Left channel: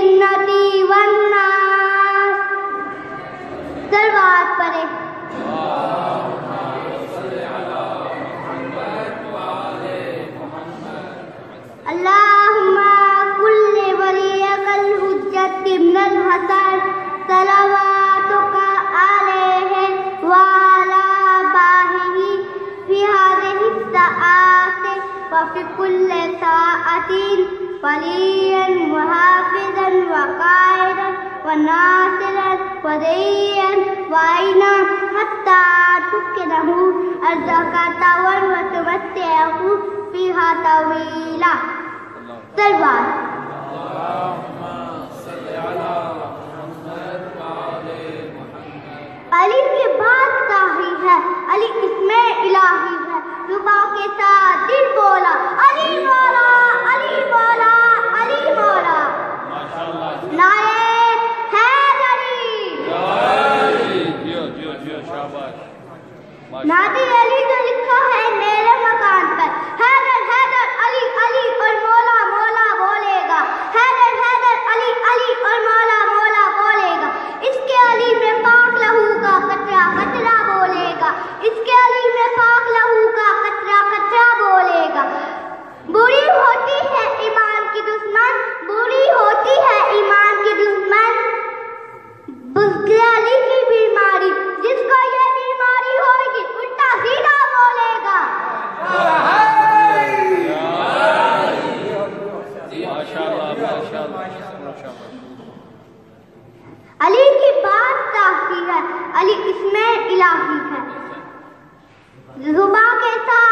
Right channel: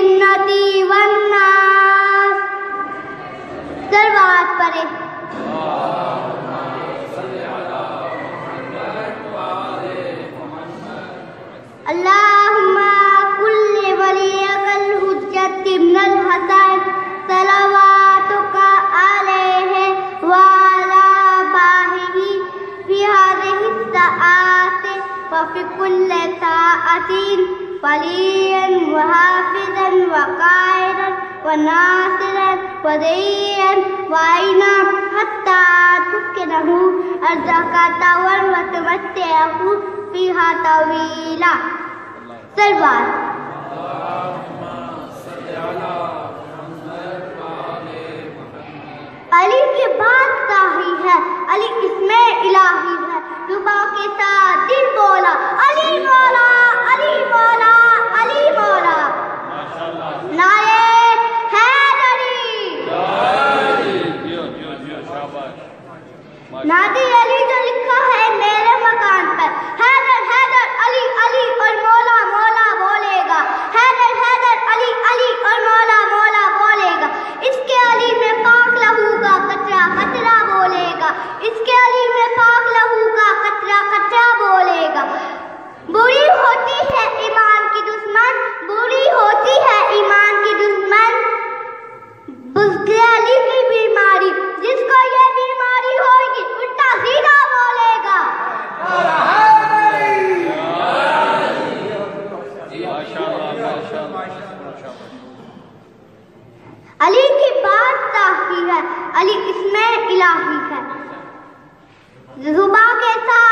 الجنة والناس. سلوات پڑھے. اللهم كل وليك الحجة بن الحسن صلواتك عليه وعلى آبائه في هذه الساعات وفي كل ساعة وليا وحافظا وقائدا وناصرا وديا وعينا حتى تسكنه أرضك طوعا وتمتعه فيها طويلا. سلوات. علی کی بات صحیح ہے، علی اسم الہی ہے. صبح کے ساتھ دل بولا علی مولا علی مولا علی مولا. نعرہ حیدری. نادی علی جو لکھا ہے میرے مکان پر. حیدر حیدر علی علی اور مولا مولا بولے گا. حیدر حیدر علی علی اور مولا مولا بولے گا. اس کے علی میں پاک لہو کا قطرہ قطرہ بولے گا. اس کے علی میں پاک لہو کا قطرہ قطرہ بولے گا. بری ہوتی ہے ایمان کی دشمن، بری ہوتی ہے ایمان کی دشمن بزدل علی کی بیماری. جس کو یہ بیماری ہوگی الٹا سیدھا بولے گا. علی کی بات صحیح ہے، علی اسم الہی ہے. صبح کے ساتھ